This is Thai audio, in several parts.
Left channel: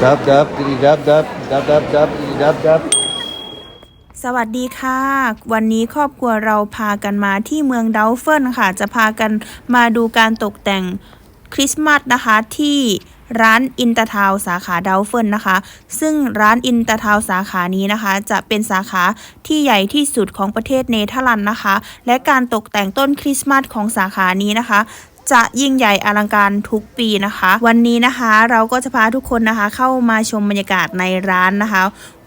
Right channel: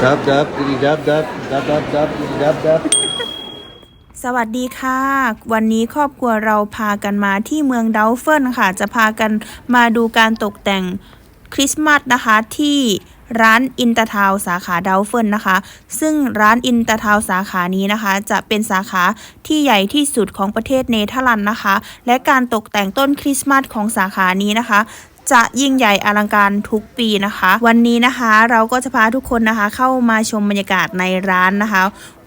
Dab, dab, diddy, dab, dab, dab, dab, dab, diddy, dab, dab. สวัสดีค่ะ วันนี้ครอบครัวเราพากันมาที่เมืองดัลเฟิลค่ะ จะพากันมาดูการตกแต่งคริสต์มาสนะคะที่ร้านอินเตอร์ทาวสาขาเดลเฟิลนะคะ ซึ่งร้านอินเตอร์ทาวสาขานี้นะคะ จะเป็นสาขาที่ใหญ่ที่สุดของประเทศเนเธอร์แลนด์นะคะ และการตกแต่งต้นคริสต์มาสของสาขานี้นะคะ จะยิ่งใหญ่อลังการทุกปีนะคะ วันนี้นะคะเราก็จะพาทุกคนนะคะ เข้ามาชมบรรยากาศในร้านนะคะ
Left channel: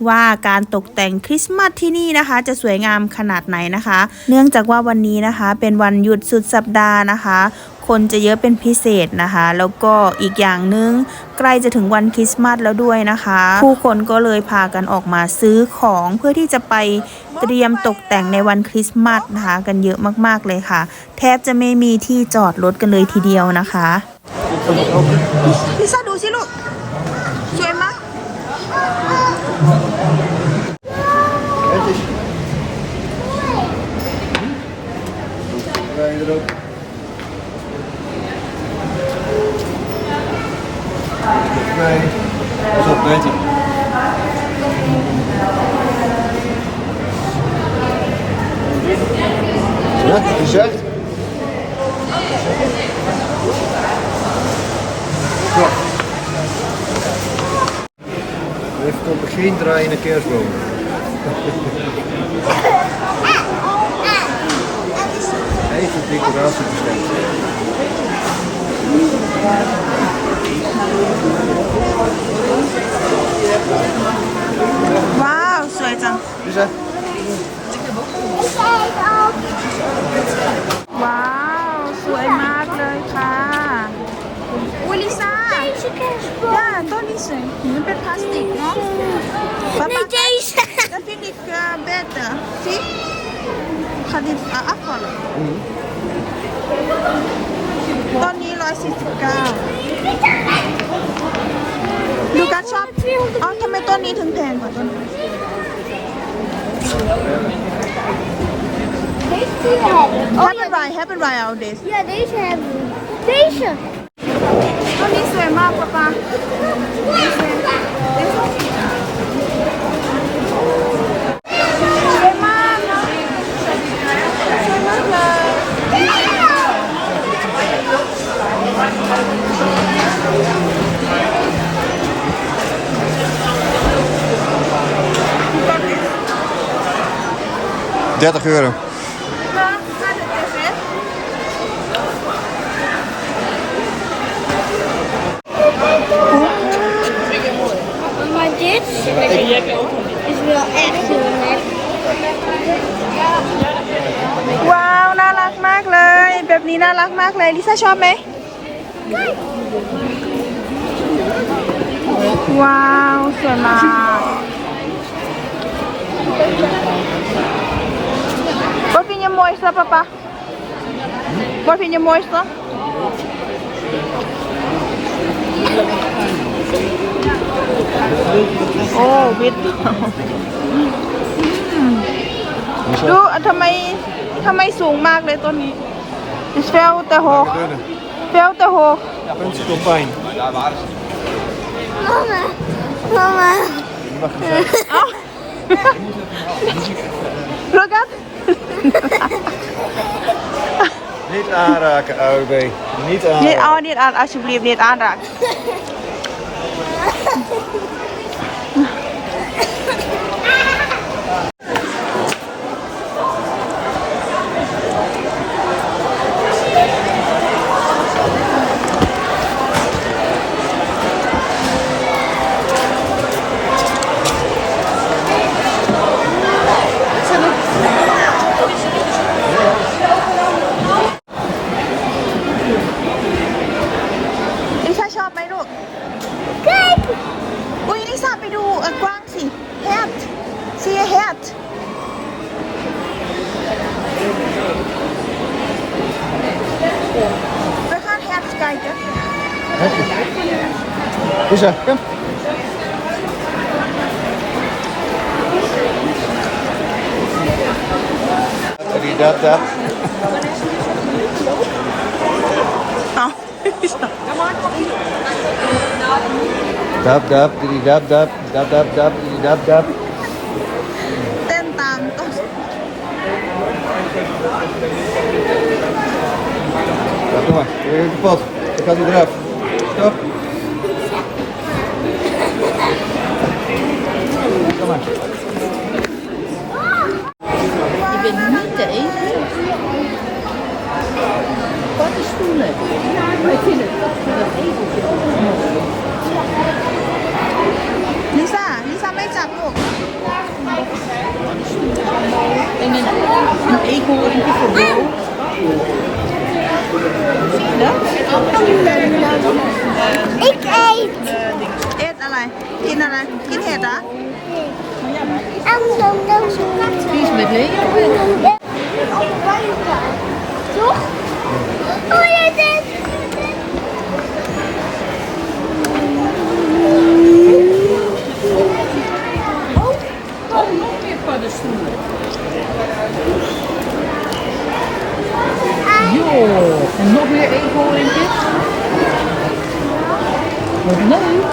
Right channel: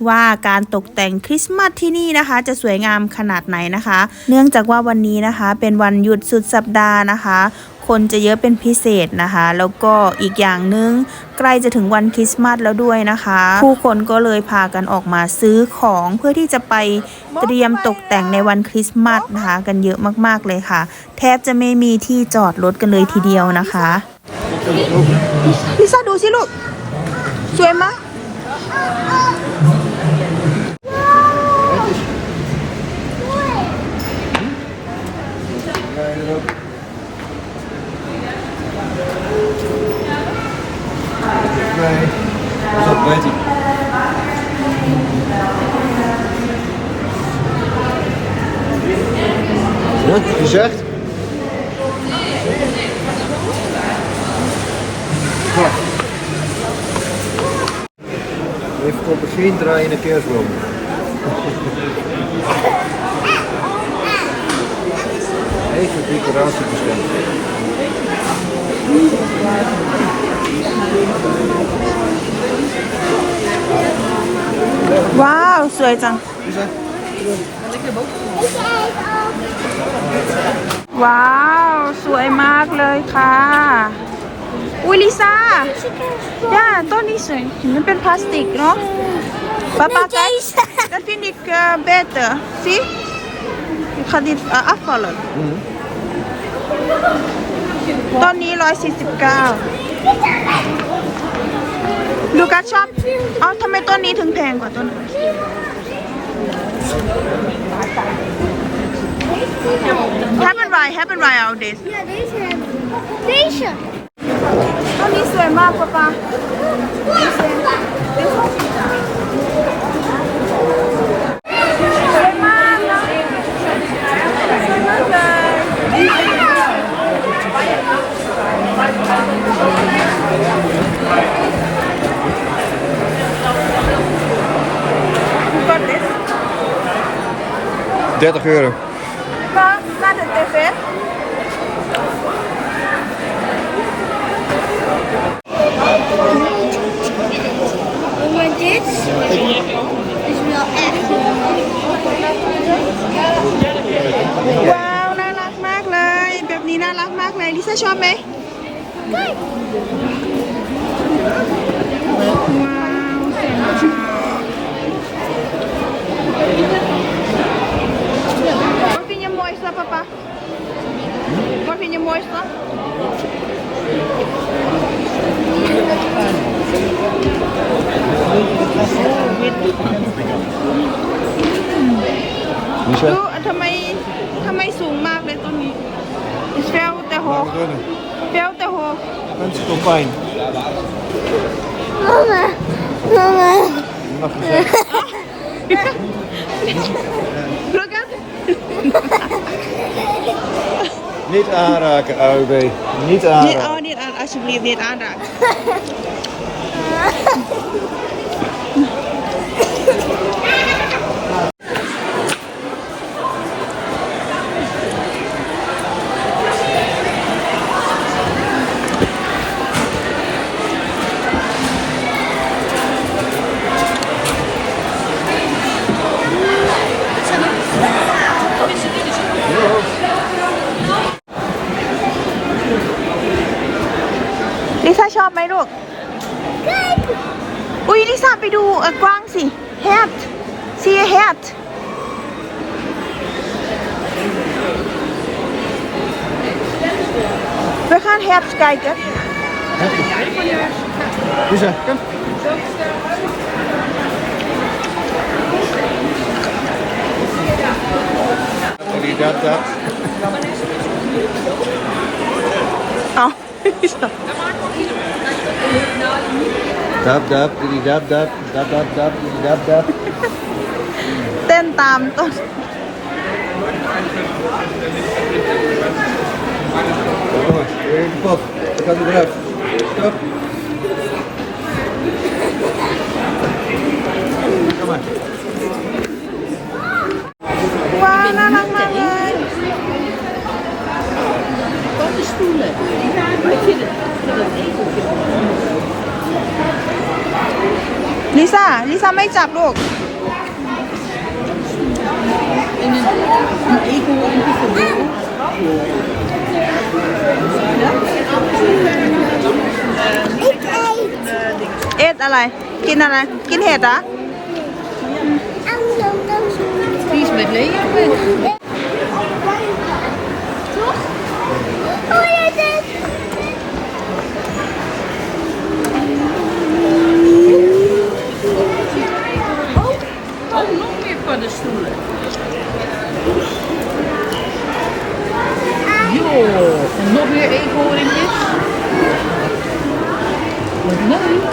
ว่าการตกแต่งคริสต์มาสที่นี่นะคะ จะสวยงามขนาดไหนนะคะ เนื่องจากว่าวันนี้นะคะ เป็นวันหยุดสุดสัปดาห์นะคะ คนจะเยอะเป็นพิเศษนะคะ แล้วก็อีกอย่างหนึงใกล้จะถึงวันคริสต์มาสแล้วด้วยนะคะ ผู้คนก็เลยพากันออกมาซื้อของเพื่อที่จะไปเตรียมตกแต่งในวันคริสต์มาสนะคะ กันเยอะมากๆเลยค่ะ แทบจะไม่มีที่จอดรถกันเลยทีเดียวนะคะลิซ่าดูสิลูกสวยไหม bij. Was dat weet ik. Wat je zegt? Even komt geen draaiende kerstboom. ว้าวสวยจัง Lisa? ว้าว สวยมากเลยค่ะอุ้ยลิซ่าย่าต้นนี้สวยมันเป็นพลาสติกเนาะป๊าป๊า Deze. dat vind ik uh, beter zie ik ga dit uh, afvallen ต้นนี้149ลูกัสชอบ เอ้าทำไมต้นนี้ถึงแพงกว่าต้นอื่น Happen by, happen by our days. Yeah, they should. They should. Come this ma, papa. 30 euro. Maar naar de tv. Oh, maar dit is wel echt. Wauw, nou laat maak leuk. Ik ben niet naar laat maak leuk. Lisa, shop mee. Kijk. Wauw, zo ารักมากเลย ลิซ่าชอบไหม ว้าว สวยมาก Wat vind je het mooiste, papa? Wat vind je het mooiste? Oh, wit. ดูทำไมทำไมสูงมากเลยต้นนี้ is veel te hoog veel te hoog Kunststofpijn. Mama. Mama. Look at Niet aanraken, AUB. Niet aanraken. niet oh niet aan alsjeblieft niet aanraken ลิซ่าชอบไหมลูก Kijk. อุ้ยลิซ่าไปดูเออกว้างสิ hat see a hat we gaan hat kijken Lisa, kom. Dab, dab. เอาลิซ่า Dab, dab, diddy, dab, dab, dab, dab, dab, diddy, dab, dab. เต้นตามต้น Ja, kom maar, weer in de pot. Dan gaat hij eraf. Stop. Kom maar. ว้ ซ่า ลิซ่าไม่จับลูก Ik eet. เอ็ดอะไร กินอะไร กินเห็ดเหรอะ En dan dan zo. Die is met Leo. Op buiten. Toch? Oh ja, dit. Yo, no weer even horen in. Wat nou?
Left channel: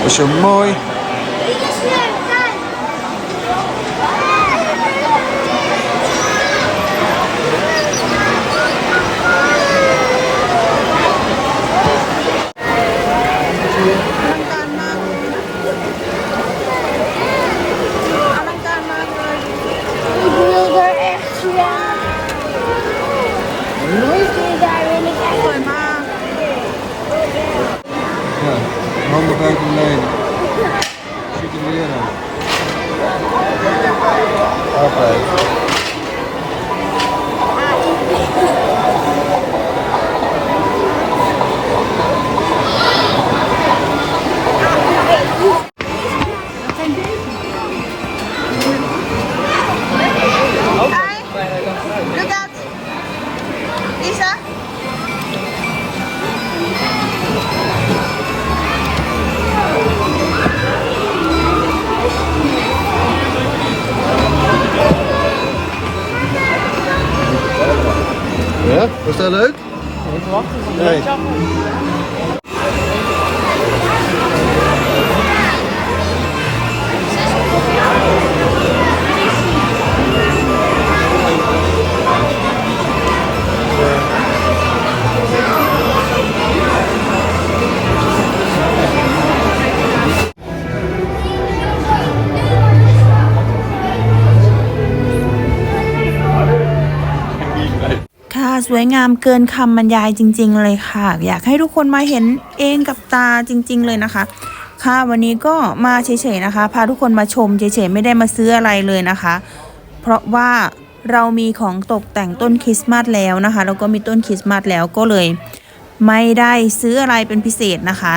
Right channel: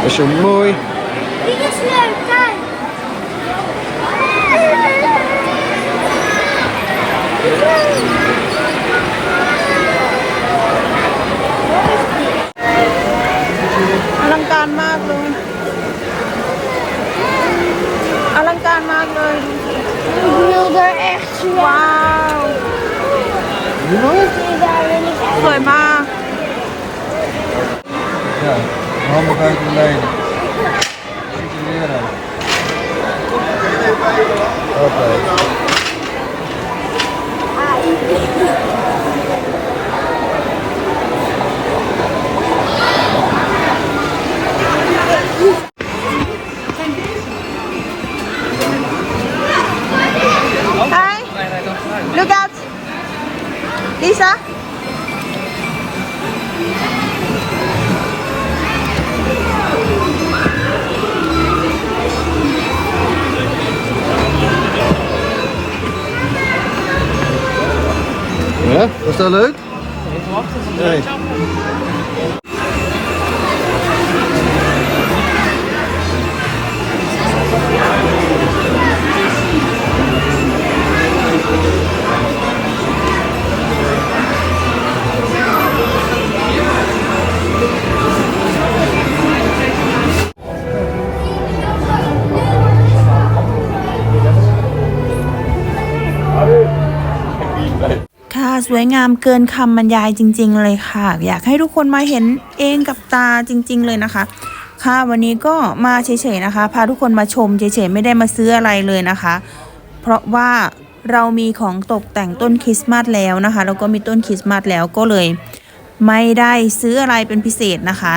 Dat is zo mooi. วยงามเกินคำบรรยายจริง ๆ เลยค่ะ อยากให้ทุกคนมาเห็นเองกับตาจริง ๆ เลยนะคะ ค่ะวันนี้ก็มาเฉยๆนะคะ พาทุกคนมาชมเฉยๆไม่ได้มาซื้ออะไรเลยนะคะ เพราะว่าเรามีของตกแต่งต้นคริสต์มาสแล้วนะคะแล้วก็มีต้นคริสต์มาสแล้วก็เลย ไม่ได้ซื้ออะไรเป็นพิเศษนะคะ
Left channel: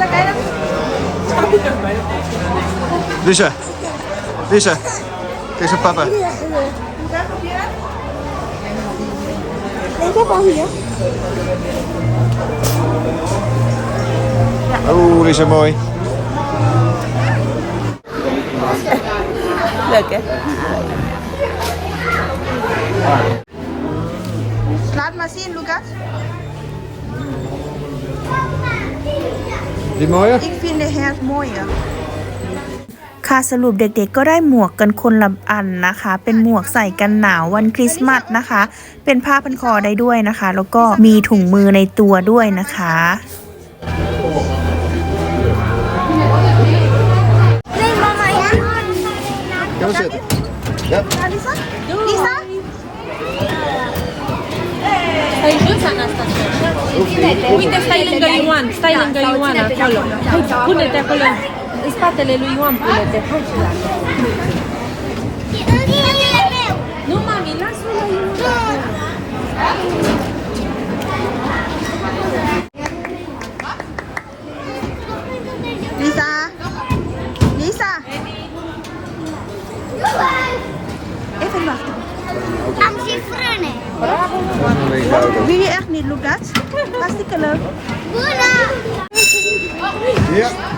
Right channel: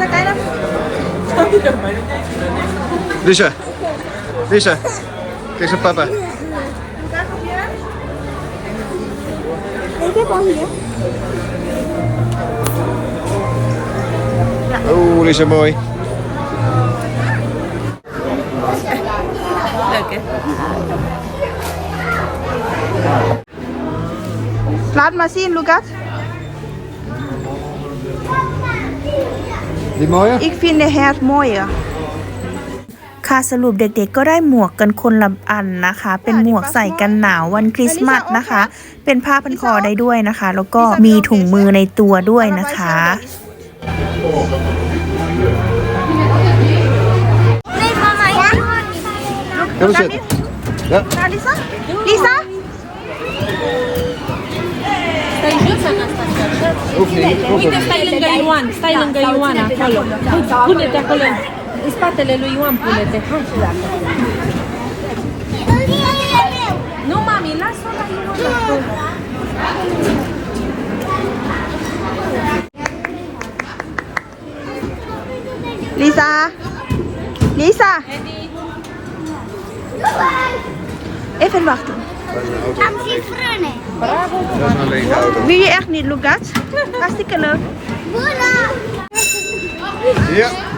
สกายแล้ว Lisa. Lisa. Kijk naar papa. Ik heb al hier. Oh, die is zo mooi. Leuk hè? Laat maar zien, Lucas. Die mooie? Ik vind de hert mooier. ค่ะสรุปเด็กๆก็ได้หมวกกันคนละอันนะคะ เป็นหมวกใส่กันหนาววันคริสต์มาสนะคะ เป็นผ้าพันคอได้ด้วยนะคะ แล้วก็มีถุงมือในตัวด้วยนะคะ Kan we zitten? Ja. Lisa? Lisa? Uite, stai lângă Ioan, stai lângă Ioan acolo. Pune-te acolo. În spatele lui Ioan pune-te. Nu, mami, lasă-o la Ioan. Lisa? Lisa? Even wachten. Am și frâne. Wil je echt niet, Lucas? Hartstikke leuk. Bună! Ja.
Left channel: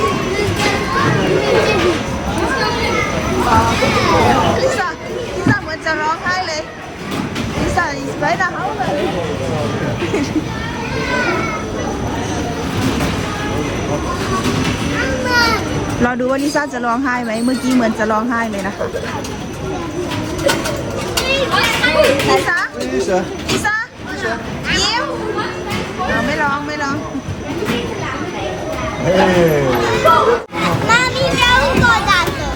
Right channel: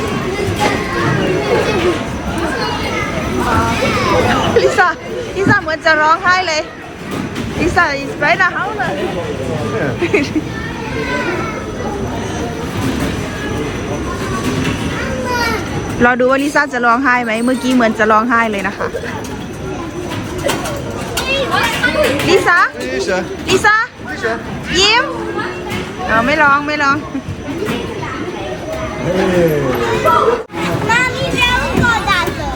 De motor. Ja. Lisa Lisa เหมือนจะร้องไห้เลย Lisa is right now เลยรอดูว่าลิซ่าจะร้องไห้ไหมเมื่อกี้เหมือนจะร้องไห้เลยนะคะลิซ่า Lisa. ลิซ่ายิ้มเอาไม่ร้องไม่ร้อง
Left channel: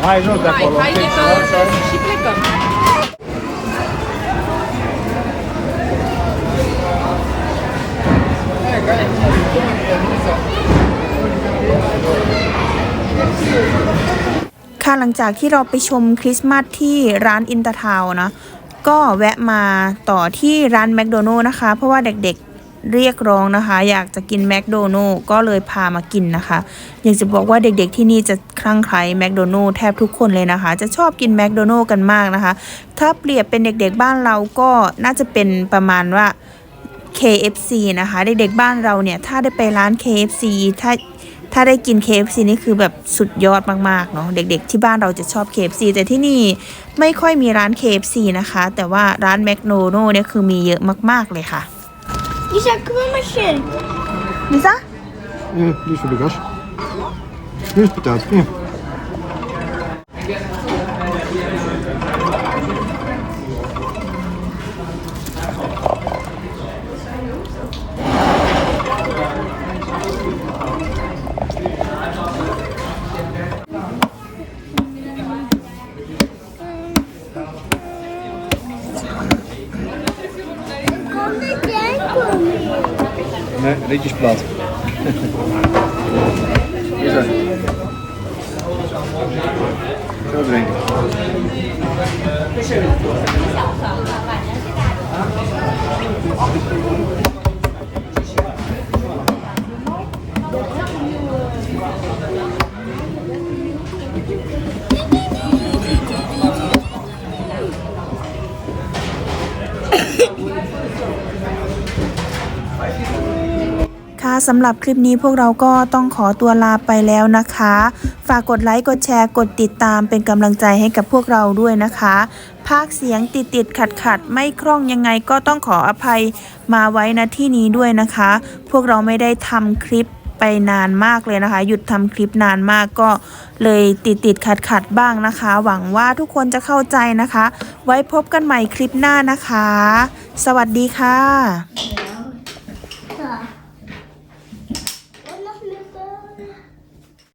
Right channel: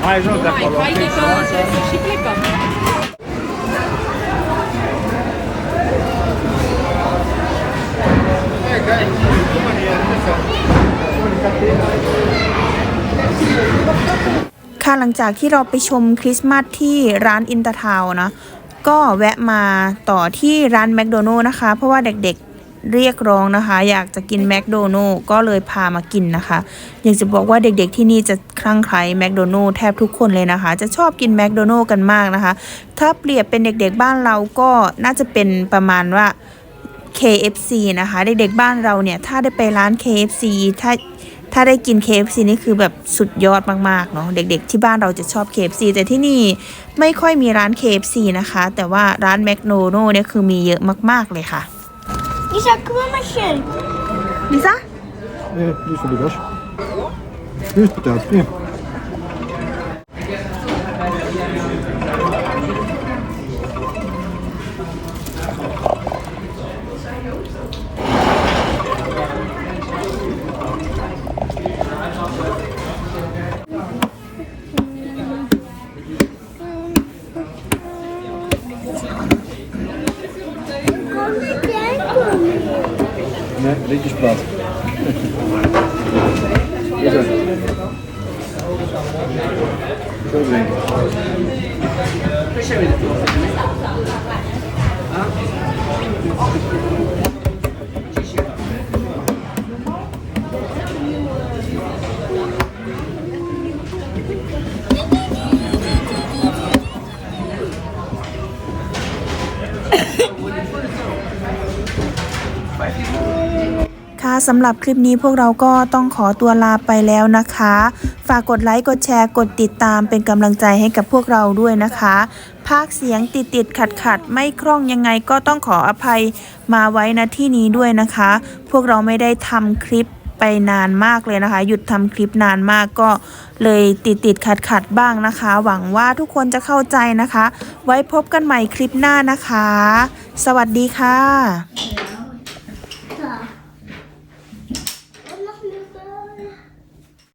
dată. Hij is ook daar gewoon. Hai de pe și plecăm. c ค่ะหลังจากที่เราไปชมคริสต์มาสที่ร้านอินเตอร์ทาวนะ ก็แวะมาต่อที่ร้านแมคโดนัลล์นะคะ เพราะว่าเด็ก เรียกร้องนะคะ อยากจะกินแมคโดนัลล์ก็เลยพามากินนะคะ อยากจะบอกว่าเด็กๆที่นี่จะคลั่งไคล้แมคโดนัลล์แทบทุกคนเลยนะคะ จะชอบกินแมคโดนัลล์กันมากนะคะ ถ้าเปรียบเป็นเด็กๆบ้านเราก็น่าจะเป็นประมาณว่า KFC นะคะ เด็กๆบ้านเราเนี่ยถ้าได้ไปร้าน KFC ถ้าถ้าได้กิน KFC นี่คือแบบสุดยอดมากๆเนาะเด็กๆ ที่บ้านเราจะชอบ KFC แต่ที่นี่ไม่ค่อยมีร้าน KFC นะคะ แต่ว่าร้านแมคโดนัลเนี่ยคือมีเยอะมากๆเลยค่ะ Lisa, Krümmelchen. Lisa? Nee, nicht so Lisa, biegasz. Nicht biegasz, nie. vídeos próximos. สำหรับคลิปนี้พวกเราก็ต้องขอตัวลาไปแล้วนะคะ ฝากกดไลค์ กดแชร์ กดติดตามเป็นกำลังใจให้กับพวกเราด้วยนะคะ ภาคเสียงติดติดขัดขัดไม่คล่องยังไงก็ต้องขออภัยมาไว้ณที่นี้ด้วยนะคะ พวกเราไม่ได้ทำคลิปไปนานมากเลยนะคะ หยุดทำคลิปนานมากก็เลยติดติดขัดขัดบ้างนะคะ หวังว่าทุกคนจะเข้าใจนะคะ ไว้พบกันใหม่คลิปหน้านะคะ สวัสดีค่ะ